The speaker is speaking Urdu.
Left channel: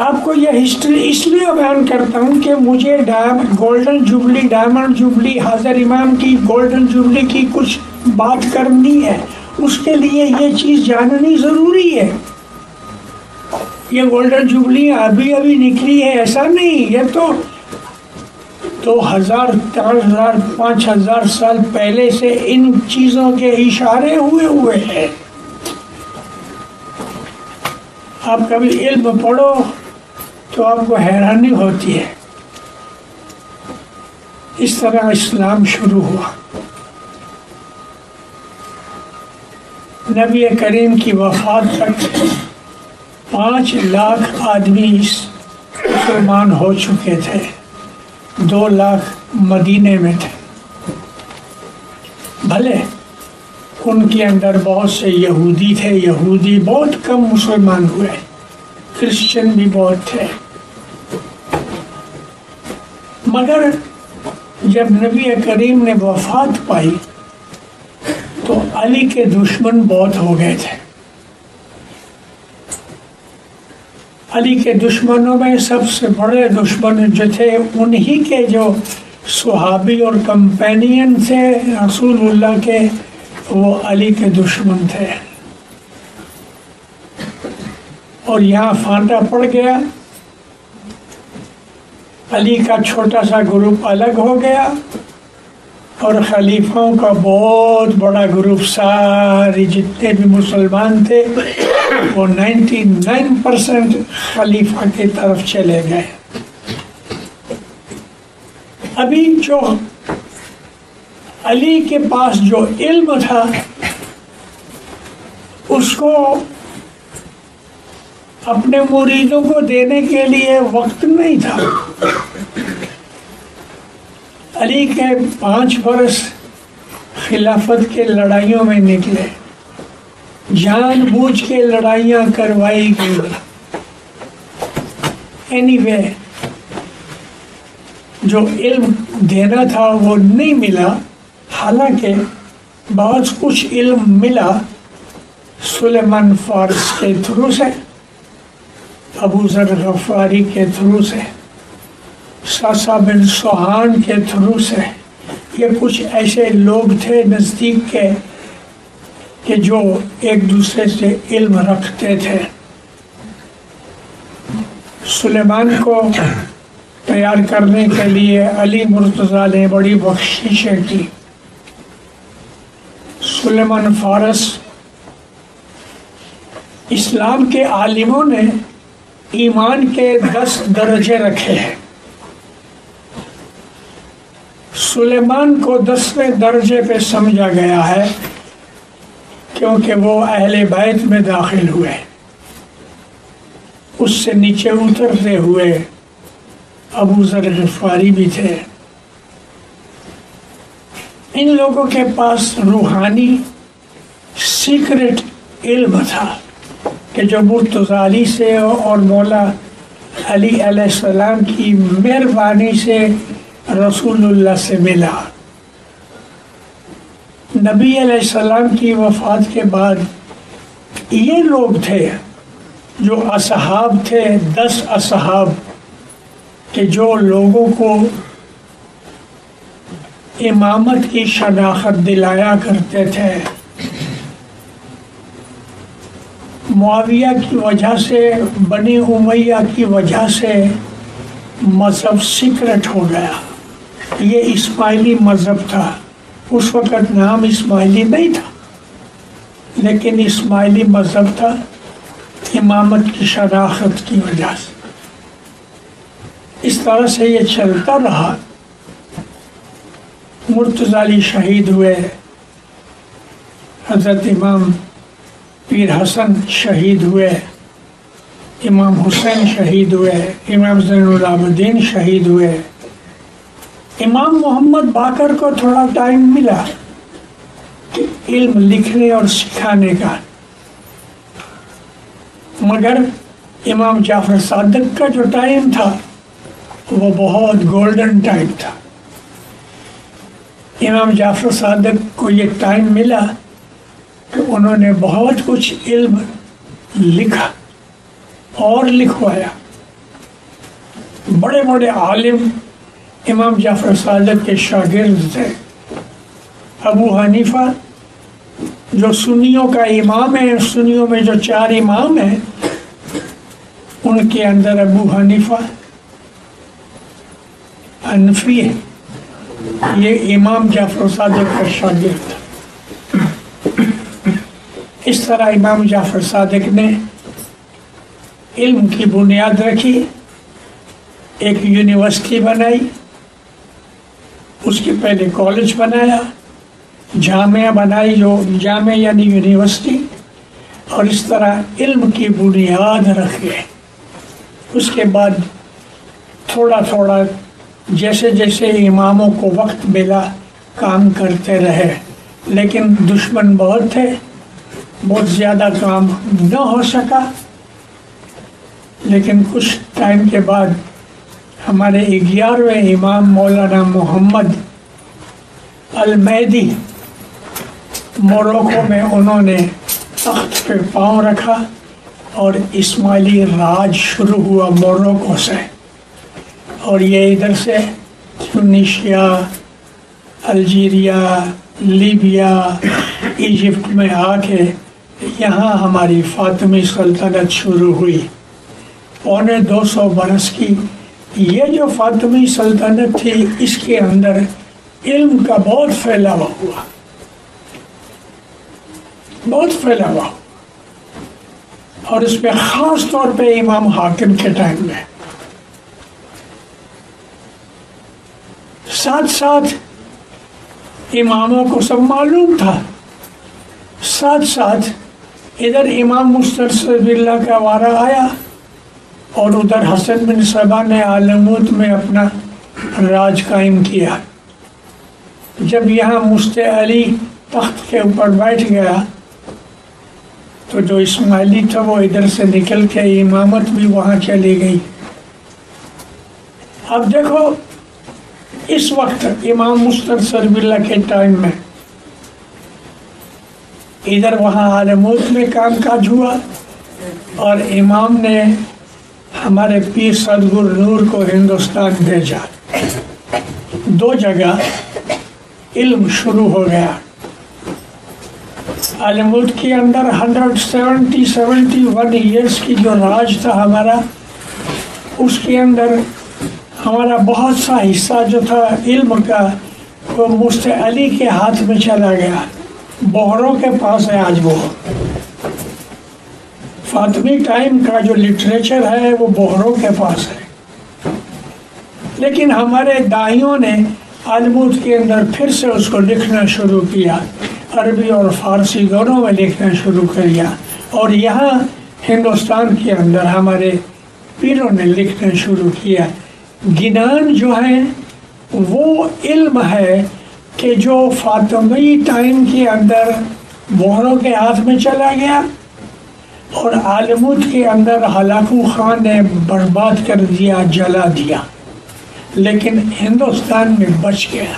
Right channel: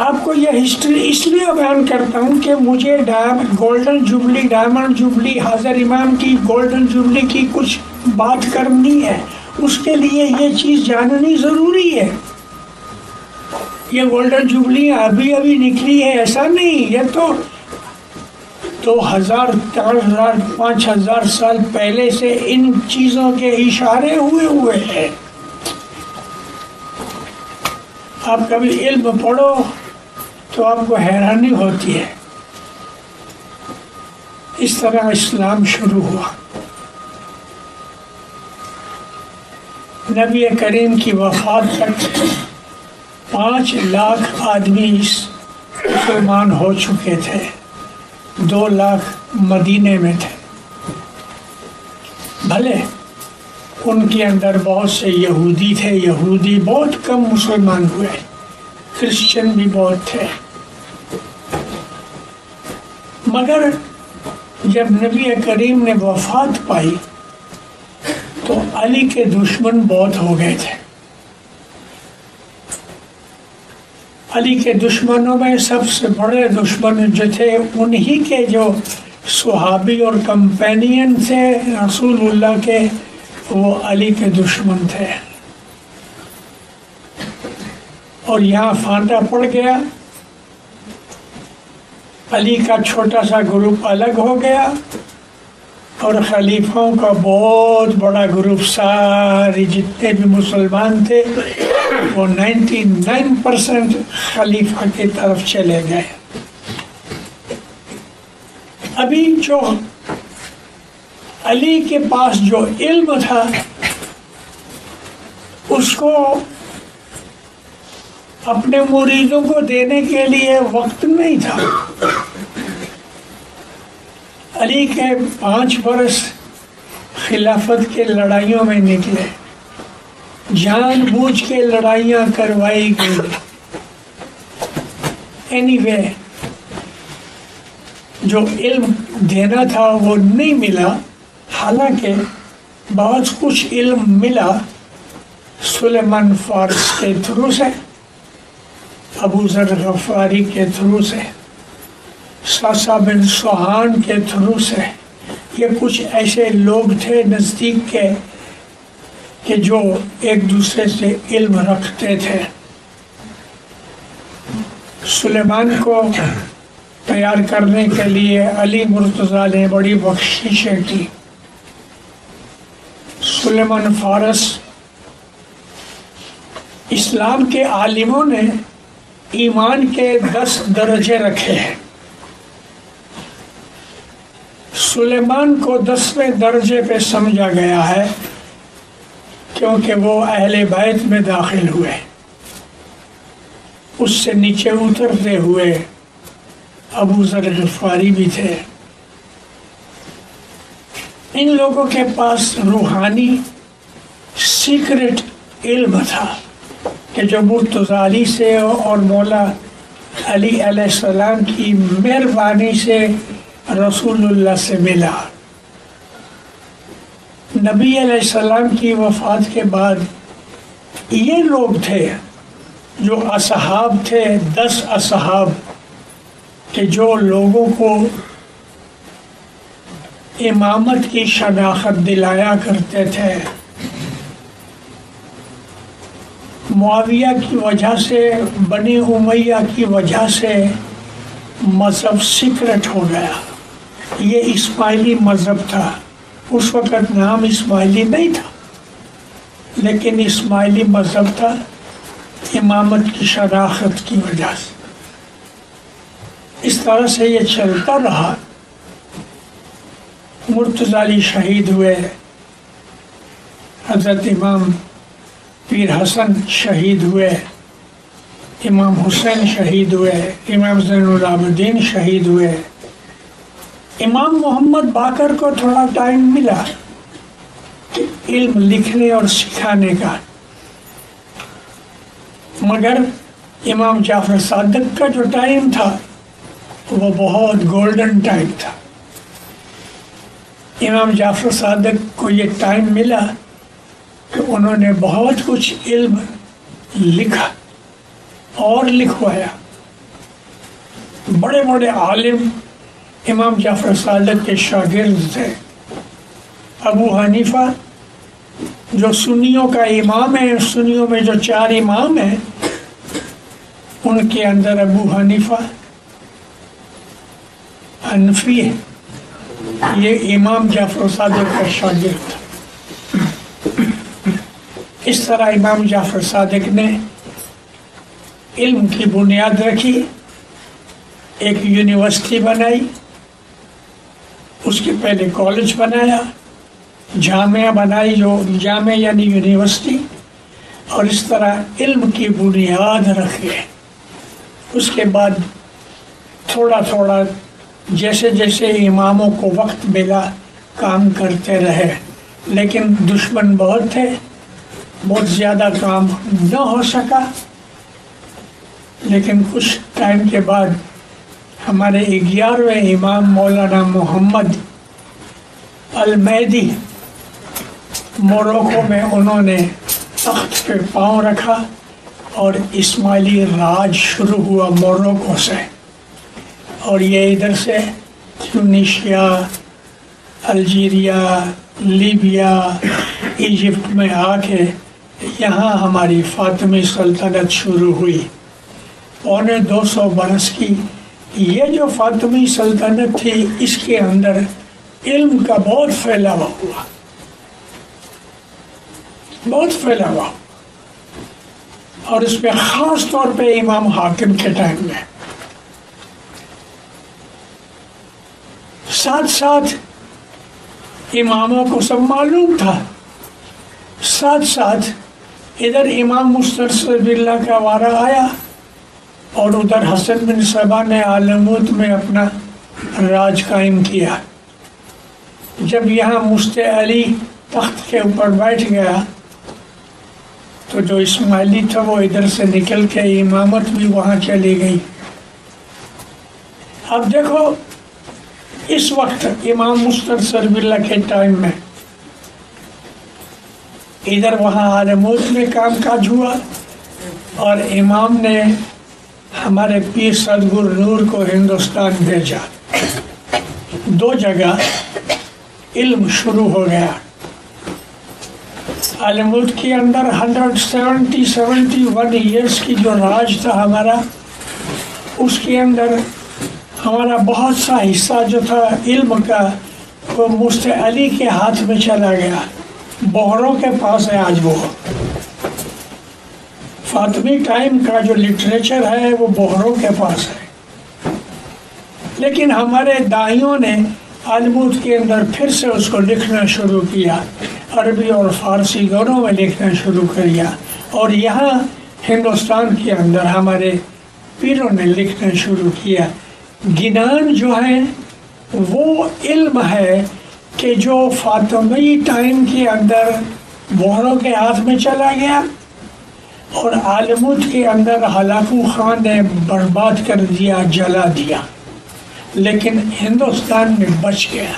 آپ کو یہ ہسٹری اس لیے بیان کرتا ہوں کہ مجھے گولڈن جوبلی، ڈائمنڈ جوبلی، حاضر امام کی گولڈن جوبلی کی کچھ بات کرنی ہے، اس کے لیے یہ چیز جاننی ضروری ہے۔ یہ گولڈن جوبلی ابھی ابھی نکلی ہے ایسا نہیں، یہ تو 2000 3000 5000 سال پہلے سے ان چیزوں کے اشارے ہوئے ہیں۔ آپ کبھی علم پڑھو تو آپ کو حیرانی ہوتی ہے۔ اس طرح اسلام شروع ہوا۔ نبی کریم کی وفات تک 5 لاکھ آدمی مسلمان ہو چکے تھے، 2 لاکھ مدینے میں تھے۔ بھلے ان کے اندر بہت سے یہودی تھے، یہودی بہت کم مسلمان ہوئے، کرسچن بھی بہت تھے، مگر جب نبی کریم نے وفات پائی تو علی کے دشمن بہت ہو گئے تھے۔ علی کے دشمنوں میں سب سے بڑے دشمن جو تھے انہی کے جو صحابی اور کمپینین تھے رسول اللہ کے، وہ علی کے دشمن تھے۔ اور یہاں فاتح پڑ گیا، علی کا چھوٹا سا گروپ الگ ہو گیا اور خلیفوں کا بہت بڑا گروپ، سارے جتنے بھی مسلمان تھے وہ 99% خلیفہ کی طرف چلے گئے۔ ابھی جو علی کے پاس جو علم تھا اس کو اپنے مریدوں کو دینے کے لیے وقت نہیں تھا۔ علی کے 5 برس خلافت کے لڑائیوں میں نکلے، جان بوجھ کے لڑائیاں کروائی گئی۔ اینی وے جو علم دینا تھا وہ نہیں ملا، حالانکہ بہت کچھ علم ملا سلیمان فارس کے تھرو سے، ابو ذر غفاری کے تھرو سے، ساسا بن سوہان کے تھرو سے۔ یہ کچھ ایسے لوگ تھے نزدیک کے کہ جو ایک دوسرے سے علم رکھتے تھے۔ سلیمان کو تیار کرنے کے لیے علی مرتضیٰ نے بڑی بخششیں کی۔ سلیمان فارس، اسلام کے عالموں نے ایمان کے 10 درجے رکھے ہیں۔ سلیمان کو 10ویں درجے پہ سمجھا گیا ہے کیونکہ وہ اہل بیت میں داخل ہوئے۔ اس سے نیچے اترتے ہوئے ابو ذر غفاری بھی تھے۔ ان لوگوں کے پاس روحانی سیکرٹ علم تھا کہ جو مرتضیٰ علی سے اور مولا علی علیہ السلام کی مہربانی سے رسول اللہ سے ملا۔ نبی علیہ السلام کی وفات کے بعد یہ لوگ تھے جو اصحاب تھے، 10 اصحاب، کہ جو لوگوں کو امامت کی شناخت دلایا کرتے تھے۔ معاویہ کی وجہ سے، بنی امیہ کی وجہ سے مذہب سیکرٹ ہو گیا۔ یہ اسماعیلی مذہب تھا، اس وقت نام اسماعیلی نہیں تھا، لیکن اسماعیلی مذہب تھا امامت کی شناخت کی وجہ سے۔ اس طرح سے یہ چلتا رہا۔ مرتضیٰ علی شہید ہوئے، حضرت امام پیر حسن شہید ہوئے، امام حسین شہید ہوئے، امام زین العابدین شہید ہوئے۔ امام محمد باقر کو تھوڑا ٹائم ملا کہ علم لکھنے اور سکھانے کا، مگر امام جعفر صادق کا جو ٹائم تھا وہ بہت گولڈن ٹائم تھا۔ امام جعفر صادق کو یہ ٹائم ملا، انہوں نے بہت کچھ علم لکھا اور لکھوایا۔ بڑے بڑے عالم امام جعفر صادق کے شاگرد تھے. ابو حنیفہ جو سنیوں کا امام ہے، سنیوں میں جو 4 امام ہیں ان کے اندر ابو حنیفہ حنفی ہے، یہ امام جعفر صادق کا شاگرد. اس طرح امام جعفر صادق نے علم کی بنیاد رکھی، ایک یونیورسٹی بنائی، اس کے پہلے کالج بنایا، جامعہ بنائی، جو جامعہ یعنی یونیورسٹی، اور اس طرح علم کی بنیاد رکھی. اس کے بعد تھوڑا تھوڑا جیسے جیسے اماموں کو وقت ملا کام کرتے رہے، لیکن دشمن بہت تھے، بہت زیادہ کام نہ ہو سکا. لیکن کچھ ٹائم کے بعد ہمارے 11ویں امام مولانا محمد المہدی موروکو میں انہوں نے تخت پہ پاؤں رکھا اور اسماعیلی راج شروع ہوا موروکو سے، اور یہ ادھر سے ٹیونیشیا، الجیریا، لیبیا، ایجپٹ میں آ کے یہاں ہماری فاطمی سلطنت شروع ہوئی. 250 برس کی یہ جو فاطمی سلطنت تھی، اس کے اندر علم کا بہت پھیلاوا ہوا، بہت پھیلاوا، اور اس پہ خاص طور پہ امام حاکم کے ٹائم میں. ساتھ ساتھ اماموں کو سب معلوم تھا، ساتھ ساتھ ادھر امام مسترشد باللہ کا وارہ آیا، اور ادھر حسن بن صبا نے علموت میں اپنا راج قائم کیا. جب یہاں مفتی علی تخت کے اوپر بیٹھ گیا تو جو اسماعیلی تھے وہ ادھر سے نکل کے امامت بھی وہاں چلی گئی. اب دیکھو اس وقت امام مستنصر باللہ کے ٹائم میں ادھر وہاں علموت میں کام کاج ہوا، اور امام نے ہمارے پیر صدر نور کو ہندوستان بھیجا. 2 جگہ علم شروع ہو گیا. علموت کے اندر 171 ایئرس کی جو راج تھا ہمارا، اس کے اندر ہمارا بہت سا حصہ جو تھا علم کا وہ مفتی علی کے ہاتھ میں چلا گیا. بہروں کے پاس ہے آج وہ. فاطمی ٹائم کا جو لٹریچر ہے وہ بہروں کے پاس ہے، لیکن ہمارے دائیوں نے علموت کے اندر پھر سے اس کو لکھنا شروع کیا، عربی اور فارسی دونوں میں لکھنا شروع کیا، اور یہاں ہندوستان کے اندر ہمارے پیروں نے لکھنا شروع کیا. گنان جو ہے وہ علم ہے کہ جو فاطمی ٹائم کے اندر بہروں کے ہاتھ میں چلا گیا، اور علموت کے اندر ہلاکو خان نے برباد کر دیا، جلا دیا، لیکن ہندوستان میں بچ گیا.